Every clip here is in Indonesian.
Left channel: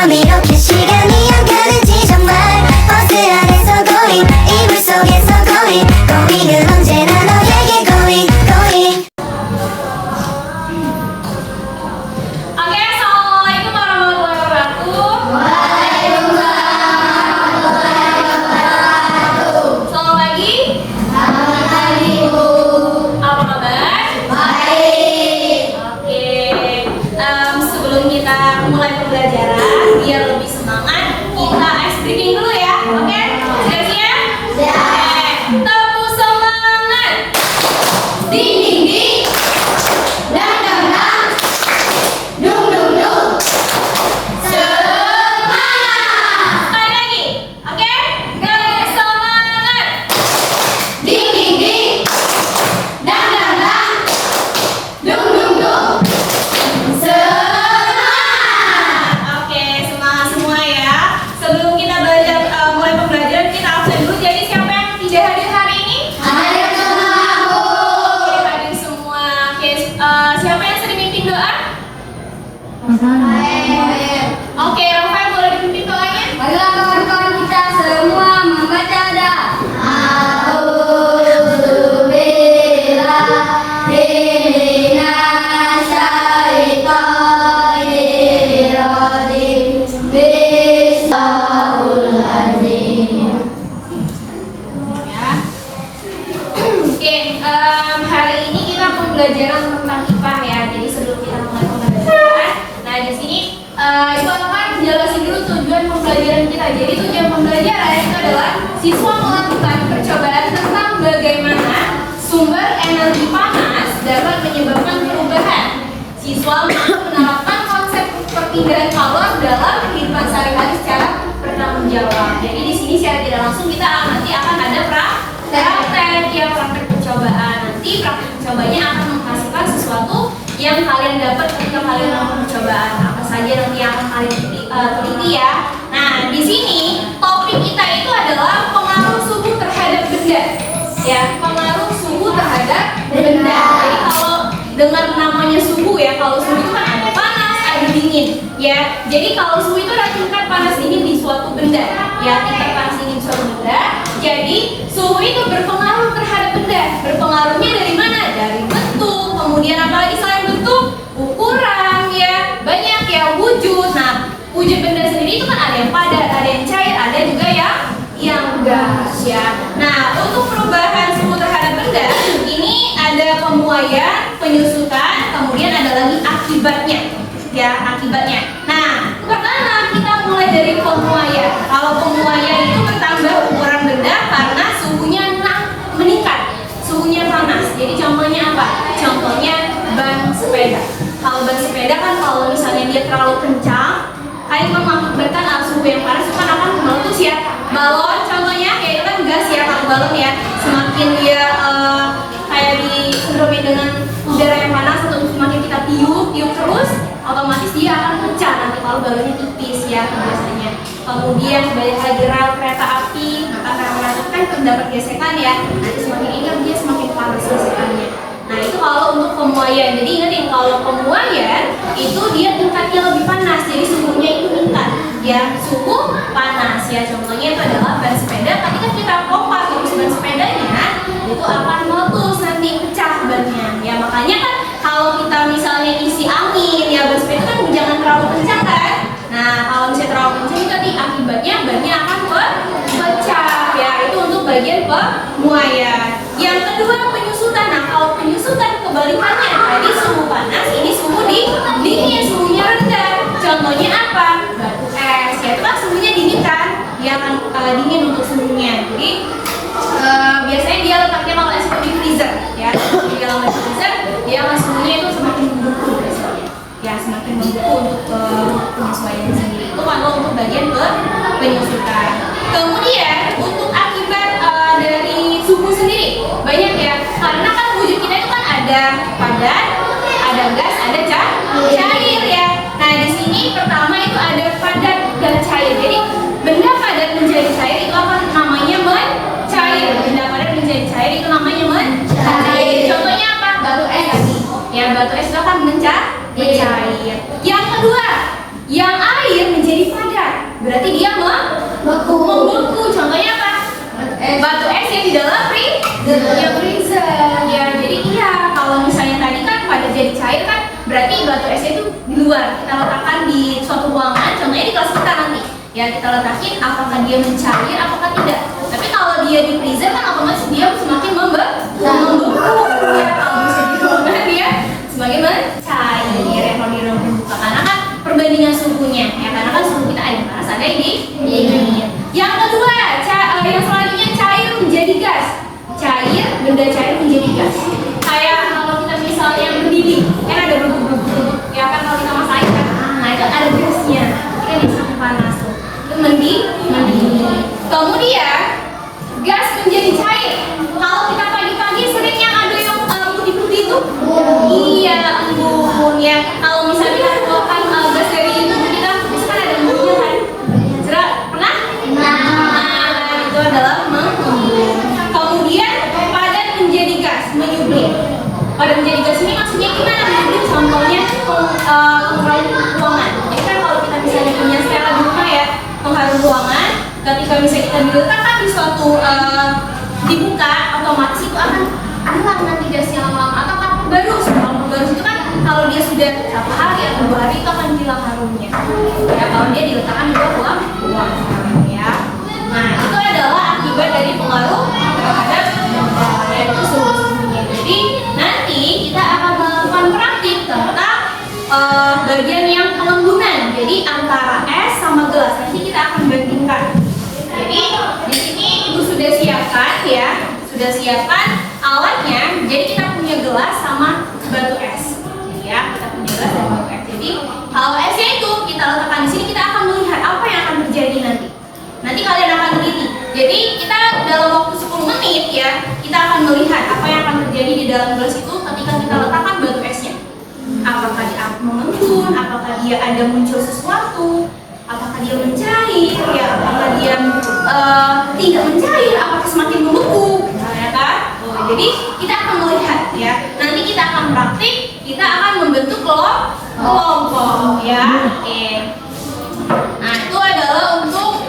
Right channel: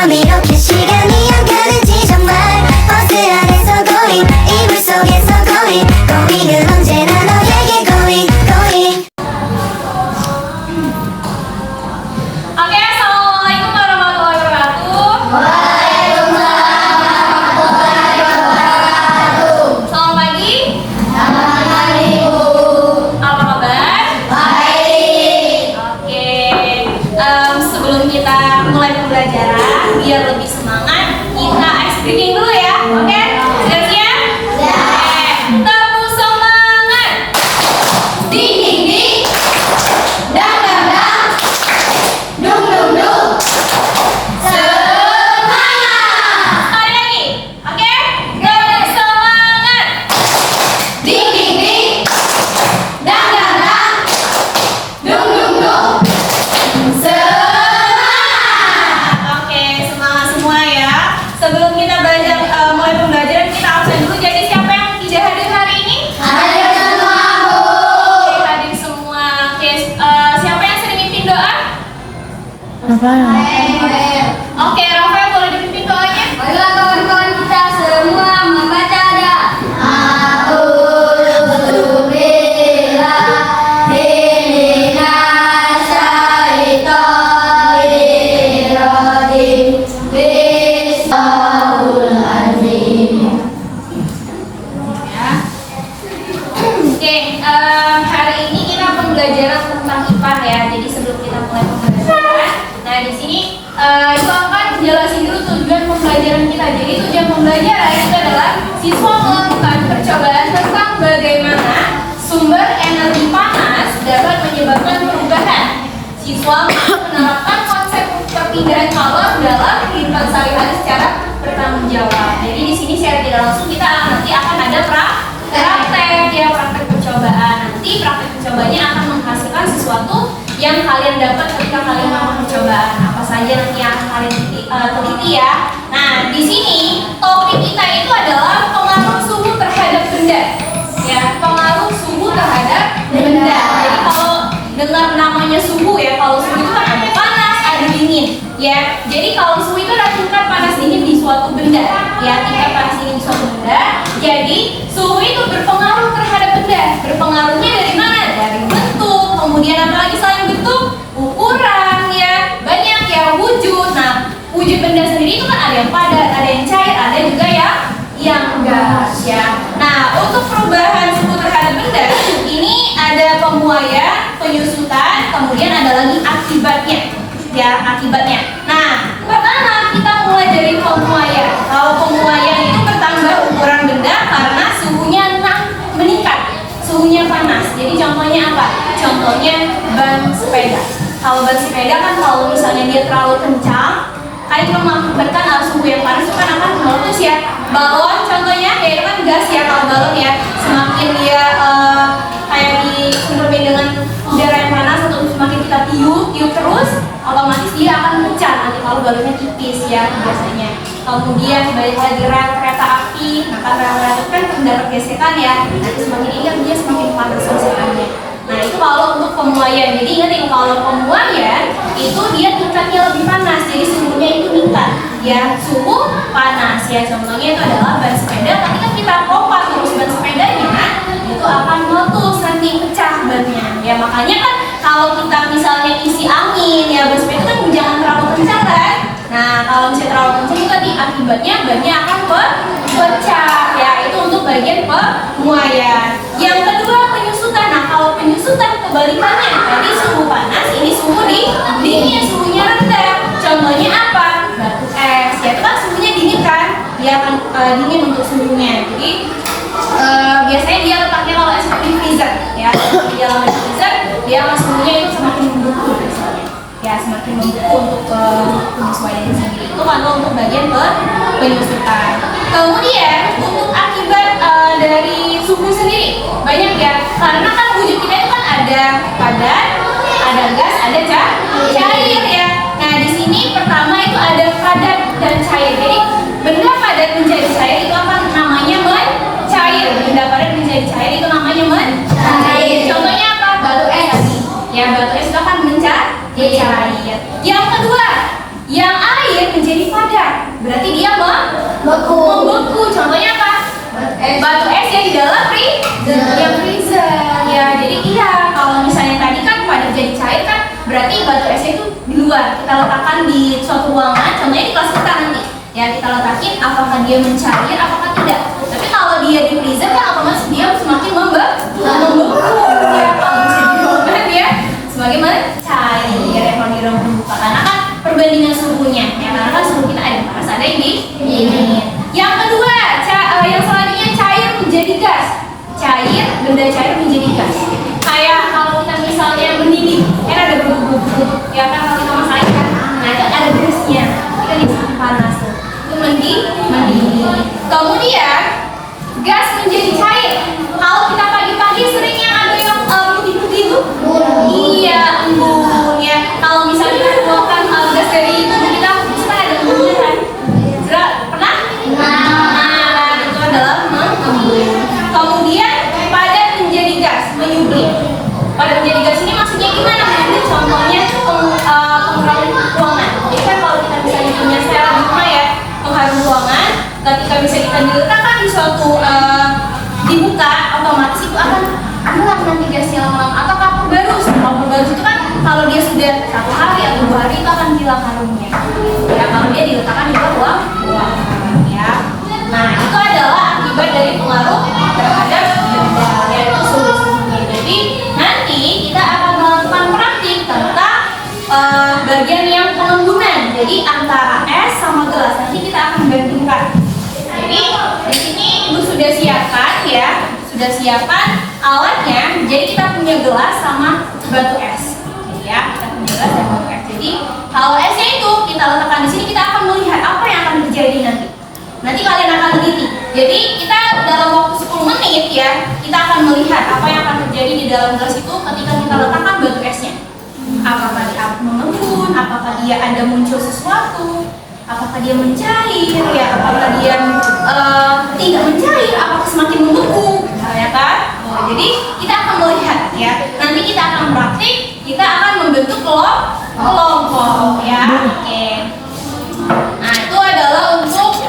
점점 이렇게 시간이 안 가는지 정말 버스 안에서 고잉 이불 속에서 고잉 고잉은 언제나 너에게 고잉 고잉. Oke, assalamualaikum warahmatullahi wabarakatuh. Selamat pagi. Apa kabar? Oke, sebelum kita mulai pembelajaran, biar lebih semangat, kita ice breaking dulu ya. Oke, siap-siap? Oke, tepuk semangat. Ding ding ding. Dang dang dang. Dung dung dung. Semangat. Sekali lagi, oke? Semangat. Ding ding ding. Dang dang dang. Dung dung dung. Semangat. Oke, semangat semua ya. Sebelum kita belajar mulai pembelajaran, kita absen dulu. Jadi siapa yang tidak hadir hari ini? Hadir semua, Bu. Oke, hadir semua. Oke, siapa yang sering mimpin doa? Oke, Rafael boleh dipimpin doanya? Marilah kawan-kawan kita semua membaca doa. Oke, hari ini kita pembelajaran tentang IPA ya. Jadi sebelum kita mulai pembelajaran, nah di sini itu akan jelasin dulu tujuan pembelajaran kita. Jadi tujuan pembelajaran itu adalah siswa melakukan percobaan tentang bagaimana sumber energi panas dapat menyebabkan perubahan. Siswa menerapkan konsep perpindahan kalor dalam kehidupan sehari-hari secara bertanggung jawab. Jadi di sini secara tidak langsung kita nanti akan ada praktek ya, praktek percobaan. Nanti praktek percobaannya akan menghasilkan sesuatu yang kalian dapat ketika kalian melakukan percobaan. Apa saja nanti yang akan kalian teliti ya. Nah, di sini topik kita itu adalah pengaruh suhu terhadap benda. Ya, pengaruh suhu terhadap benda. Jadi kalau dengar namanya suhu ya, kalau suhu itu kan ada panas, ada dingin. Ya, jadi kalau suhu itu adalah tingkat panas dingin di suatu benda. Ya, tingkat panas dingin di suatu benda. Jadi suhu itu berpengaruh terhadap benda. Berpengaruhnya dari mana? Dari bentuk, kemudian apalagi selain bentuk, ukuran ya, banyak ya, wujud. Nah, wujud benda sendiri itu kan ada yang padat, ada yang cair, ada juga yang gas ya. Nah, untuk perubahan suhu terhadap benda ini ada pemuaian, penyusutan, kemudian ada lagi akibatnya. Ya, akibatnya. Nah, pertama kita mulai dari pemuaian. Kalau pemuaian itu bertambah ukuran benda karena suhunya meningkat, suhunya panas. Jadi contohnya apa? Contohnya ban sepeda. Kalau ban sepeda kan kalau misalnya dia terlalu kencang, itu mengakibatkan arus suhu yang panas itu kan akan meletus ya. Balon contohnya ya itu kan gas ya, kalau balon ya semakin dia kayak disentuhin dengan udara yang panas atau semakin kita tiup terus, otomatis dia akan pecah nanti kalau balonnya tipis ya biasanya. Kemudian balik lagi rel kereta api, nah kan rel itu kan terdapat gesekan ya, nanti semakin ingat dia semakin panas gesekannya. Nah itu kalau untuk pemuaian. Jadi ingat kalau pemuaian itu dia tingkatnya lebih panas, jadi suhunya itu meningkat ya, suhu panas ya. Contohnya itu adalah ban sepeda, ketika kita pompa terus ban sepedanya itu akan meletus nanti, pecah bannya ya. Makanya kan kalau kita misalnya isi angin ya, ban sepeda kan jangan terlalu kencang kan. Nah kalau misalnya terlalu kencang itu nanti akibatnya bannya akan pecah ya. Itu untuk bagian pemuaian. Yang kedua penyusutan. Nah kalau penyusutan kebalikannya, tadi suhu panas, ini suhu dingin, suhunya rendah. Contohnya apa? Batu es ya, itu kan suhunya dingin kan, dia akan dingin untuk suhunya. Jadi biasanya dia letaknya kalau es di freezer ya, di dalam freezer dia akan suhunya itu semakin membeku biasanya ya, semakin membeku untuk penyesuaian sendiri. Itu kalau untuk bagian penyusutan. Kemudian untuk akibat dari suhu sendiri banyak ya, karena kan wujud kita itu kan ada padat, ada gas, ada cair ya. Nah di sini pertama itu ada padat dan cair. Jadi benda padat menjadi cair itu apa namanya? Mencair. Benda padat menjadi cair itu namanya mencair. Contohnya apa? Batu es. Ya batu es itu akan mencair. Yang kedua, yang air menjadi berarti dia membeku. Contohnya apa? Batu es yang di dalam freezer. Ya, jadi iya, kalau misalnya tadi kan pada jadi cair kan, berarti batu esnya itu di luar. Kita letakkan di suatu ruangan, contohnya di kelas kita nanti. Ya, kita letakin apakah dia mencair, apakah tidak. Tapi kalau dia di freezer kan otomatis dia semakin membeku. Ya, kalau misalnya di ruangan dia semakin mencair. Ya, kalau di ruangan terbuka, karena kan perbandingan suhunya. Ya, karena kan suhu kita ada panas, ada yang dingin. Yang kedua, yang selanjutnya cair menjadi gas. Benda cair menjadi gas. Kayak kalau kita misalnya mendidih, kan ada bentuk-bentuk. Ya kan kalau kita masak kan, nah itu ada gasnya. Kita di suhu panas tuh. Itu mendidih. Kemudian gas menjadi cair. Kalau kita pagi-pagi seringnya ada yang putih-putih itu. Iya, embun ya. Kalau misalnya kita keluarkan gas dari itu, kita suka ada embunnya kan? Pernah? Nah, itu adalah mengembun. Kemudian padat menjadi gas, menyublim. Padat menjadi gas ini maksudnya gimana? Contohnya pengharum ruangan. Jadi kan kalau kita misalnya punya secara di rumah ya, pengharum ruangan, ketika misalnya kita diletakkan di suatu dibuka, otomatis itu akan adalah nanti gasnya lama-lama. Atau kapur baru itu kan kalau dia sudah 1 hari atau 2 hari itu akan hilang harumnya. Ya kalau dia diletakkan di luar ruangan. Ya. Nah itu adalah akibat dari pengaruh terhadap benda, yaitu suhunya. Jadi nanti kita akan melakukan praktik tentang bagian yang pengembunan. Jadi antara es sama gelas nanti kita akan bandingkan. Jadi di sini ibu sudah siapkan ya, sudah siapkan alatnya. Jadi kita punya gelas sama batu es. Ya, kita punya gelas dan batu es. Jadi kalau esnya itu kita letakkan di sini, kita akan melihat apa yang akan terjadi nanti. Nanti kalian akan teliti. Jadi kita dalam waktu 10 menit ya, kita akan melihat apa yang akan terjadi di dalam gelas itu ketika kita letakkan batu esnya. Apakah dia mengembun, apakah dia ada muncul sesuatu, apakah dia mencair, ya, apakah dia tidak mencair, apakah semakin membeku, ya kan? Jadi kita akan melihat ya. Nanti kita akan praktik, kita akan membentuk kelompok ya. Oke. Nah itu adalah untuk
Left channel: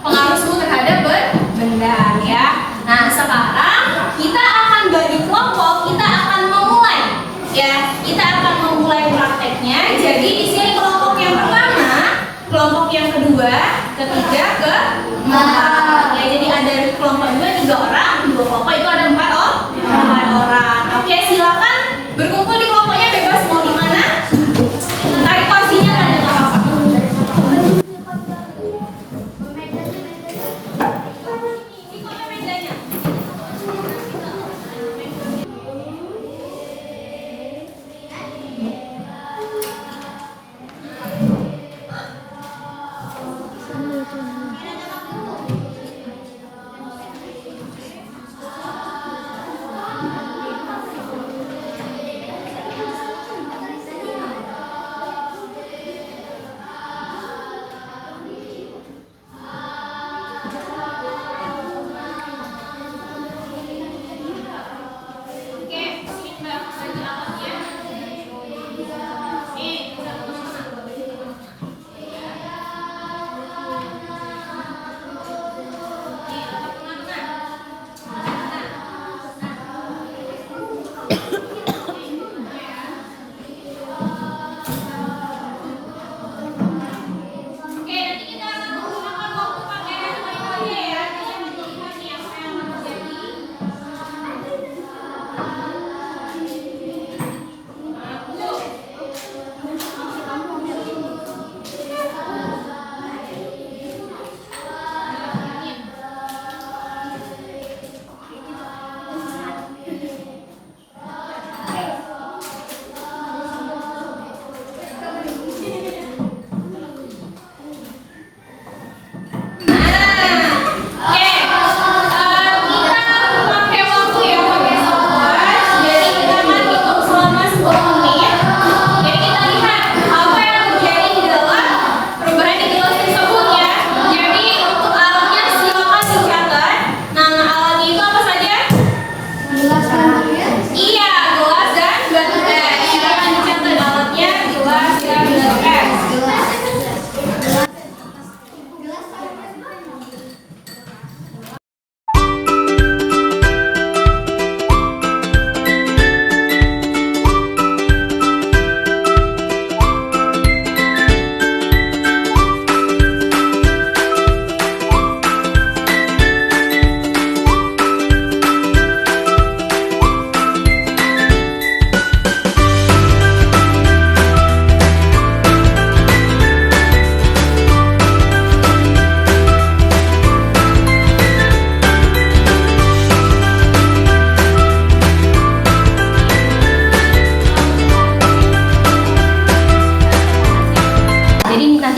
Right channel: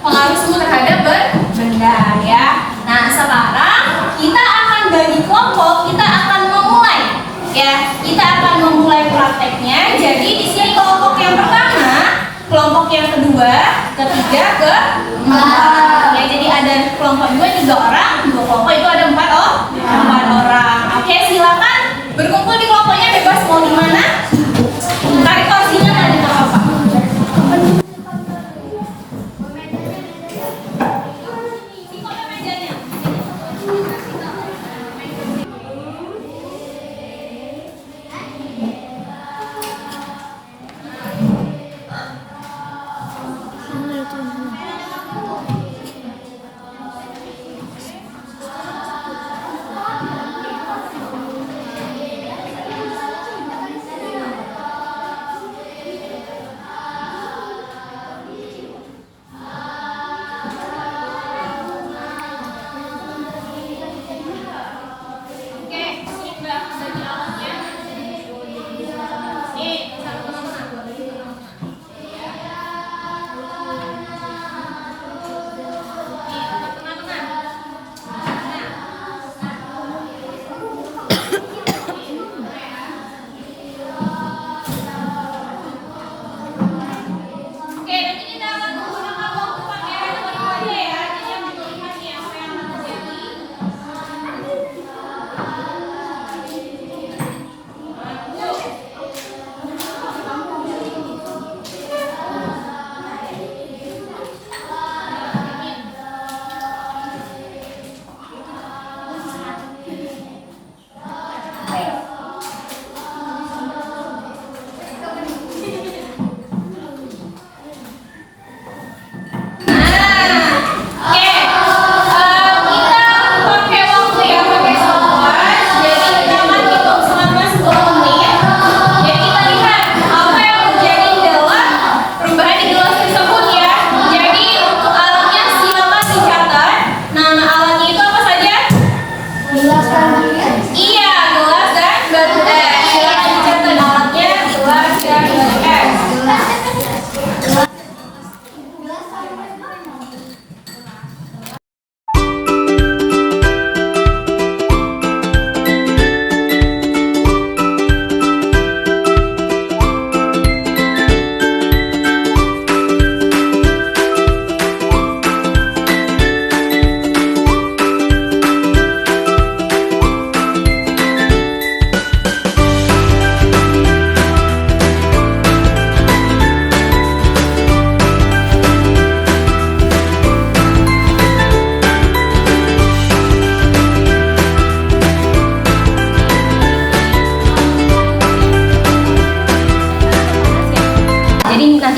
pengaruh suhu terhadap benda ya. Nah sekarang kita akan bagi kelompok, kita akan memulai ya. Kita akan memulai prakteknya. Jadi di sini kelompok yang pertama, kelompok yang kedua, ketiga, keempat. Ya jadi ada kelompok 2 3 orang, 2 kelompok itu ada 4 orang. Oke silakan berkumpul di kelompoknya, bebas mau di mana. Tarik kursinya nggak apa-apa.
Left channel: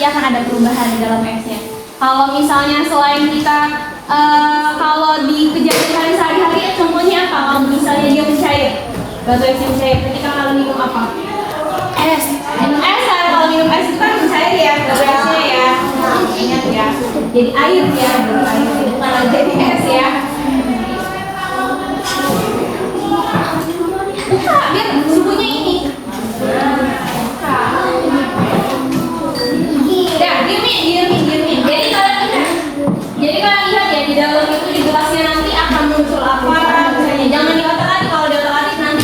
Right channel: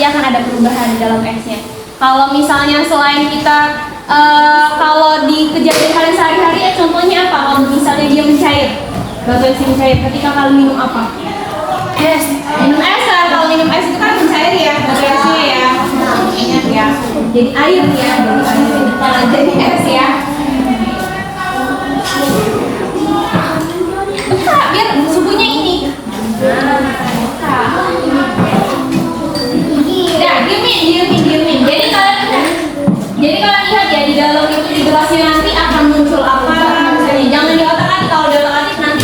nanti akan ada perubahan di dalam esnya. Kalau misalnya selain kita kalau di kejadian sehari-hari ya contohnya apa? Kalau misalnya dia mencair, batu es mencair, ketika kalian minum apa? Es. Minum es kan? Kalau minum es itu kan mencair ya, batu esnya ya. Ingat ya. Jadi air ya, dari air. Kalau jadi es ya. Biar suhunya ini. Ya, diemin. Jadi kalian lihat ya di dalam itu di gelasnya nanti akan muncul apa misalnya. Jangan di otak-atik, kalau di otak-atik nanti.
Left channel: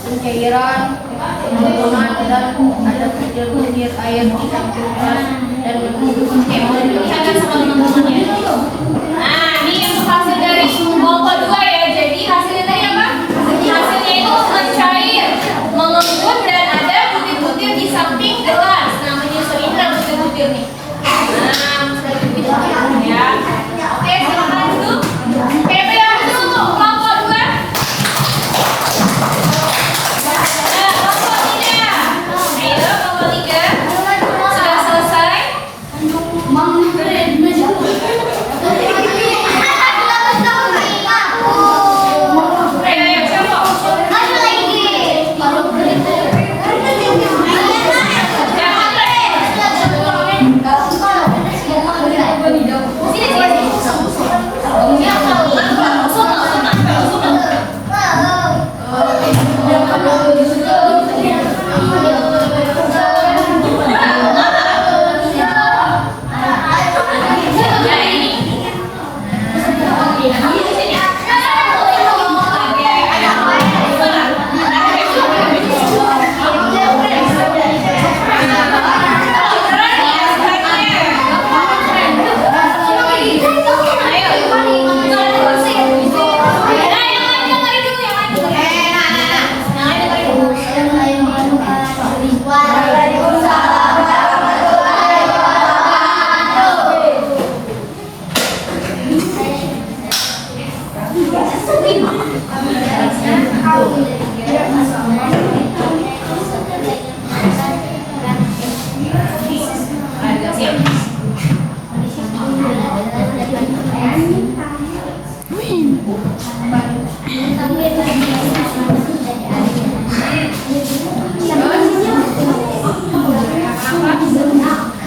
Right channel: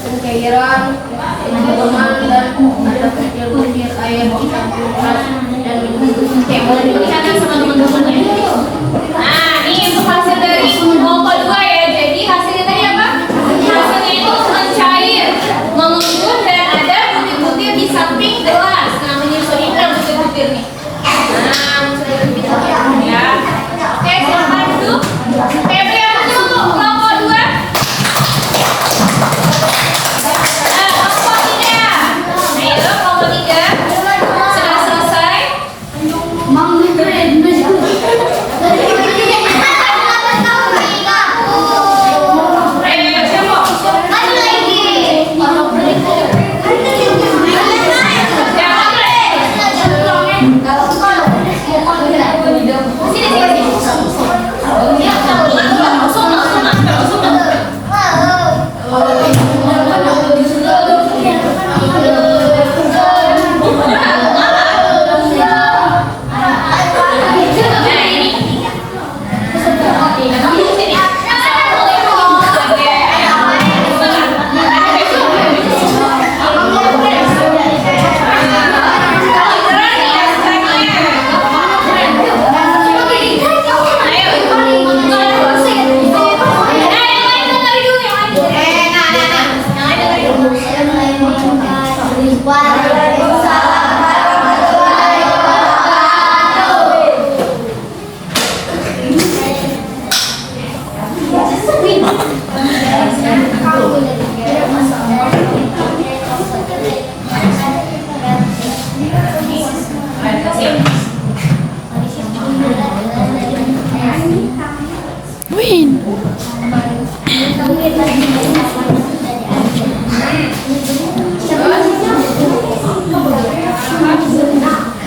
Pencairan, pembuangan dan ada kecil-kecil air dicampurkan dan Ada sama teman-temannya. Nah, ini untuk hasil dari kelompok 2 ya. Jadi hasilnya tadi apa? Hasilnya itu mencair, mengumpul dan ada butir-butir di samping gelas. Nah, menyusuri butir-butir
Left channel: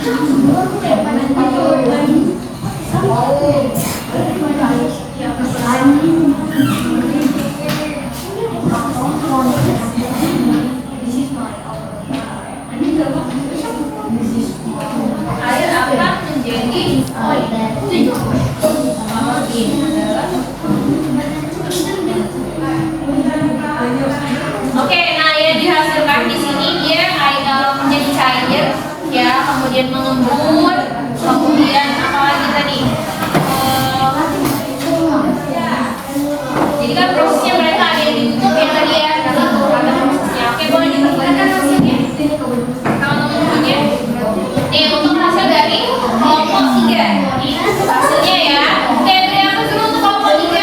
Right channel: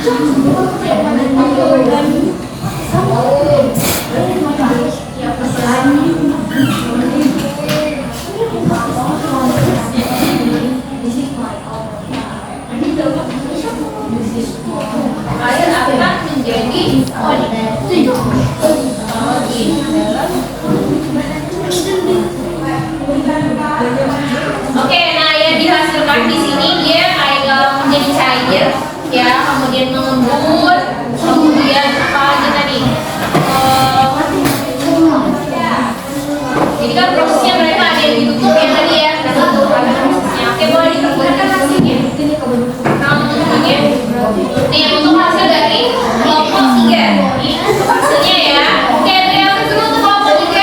Air akan menjadi Oke, nah yang dihasilkan di sini dia menjadi cair, ya, kemudian mengembun, kemudian apa lagi tadi? Jadi kan prosesnya mereka ada yang ditutup ya tadi ya, ada prosesnya. Oke, boleh ditemukan hasilnya? Oke. Ini untuk hasil dari kelompok 3. Ini untuk hasilnya ya. Oke, yang dulu untuk kelompok 3.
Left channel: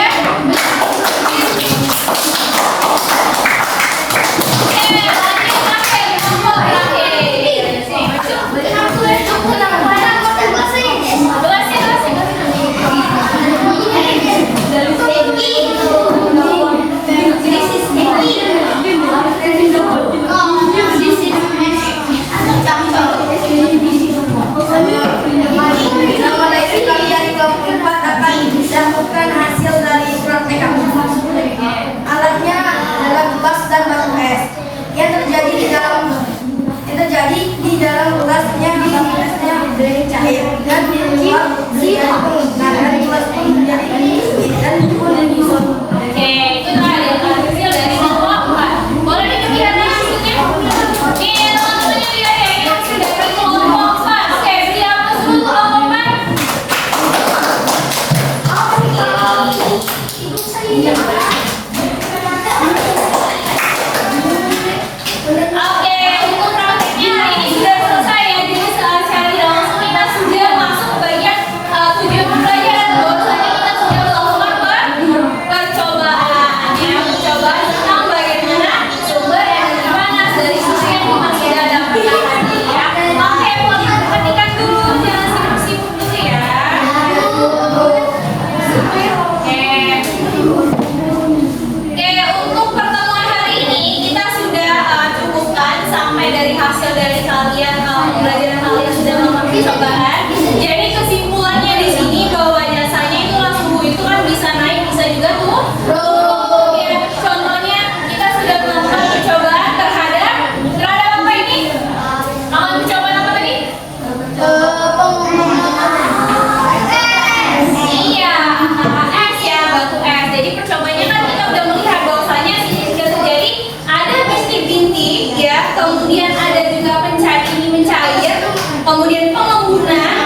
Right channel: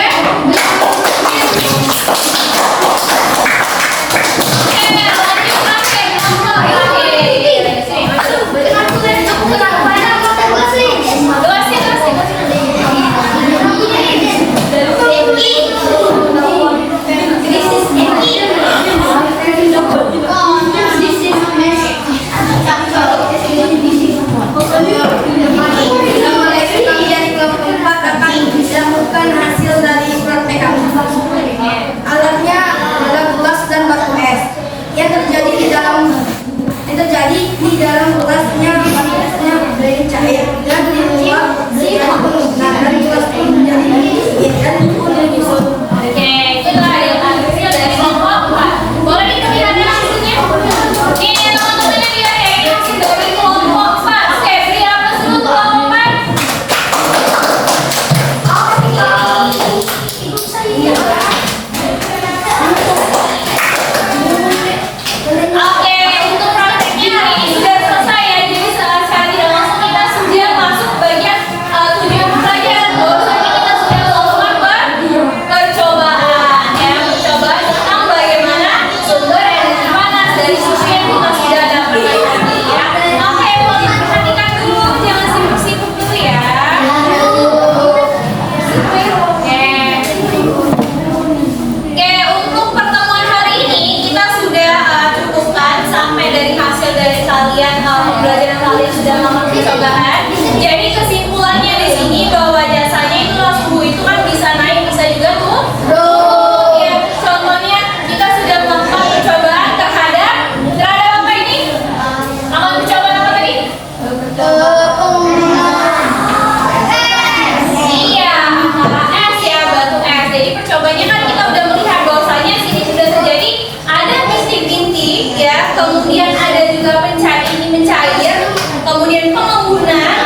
Bukan hasil dari praktek alatnya adalah gelas dan batu es yang terjadi di dalam gelasnya dari cair dan di luar menjadi penuh. Nah, dari gelas pun menjadi sedikit dan pun menyusut. Oke, itulah yang hasil dari kelompok 4. Boleh diperlihatkan hasilnya? Ini teman-teman yang lihat ya, ini hasil dari kelompok 4. Oke, beri aplaus dulu untuk kelompok 4. Oke, untuk prakteknya hari ini sudah selesai ya. Jadi sekali langsung kita sudah masuk bagian tujuan pembelajaran. Bahwasanya kita sudah melakukan percobaan ya, percobaan tentang bagaimana sumber energi panas dari susu yang kita sudah dapatkan tadi ya. Oke, boleh perhatikan dulu, jangan sibuk-sibuk dulu ya. Oke, untuk pertemuan hari ini kita sudah cukupkan sampai dari hasil dari kalian pembelajaran kalian sudah melakukan percobaan. Jadi kesimpulannya di sini bahwa jasanya itulah suhu itu kan bisa naik bisa juga turun. Ya, contohnya kita sudah melakukan percobaan terhadap apa ini? Melakukan percobaan apa tadi? Iya, es ya, batu es. Jadi percobaannya kan kita udah melihat bahwasanya sini sudah terjadi ada bintik-bintik ya, kemudian ada juga ini mencair, kemudian pengembunan,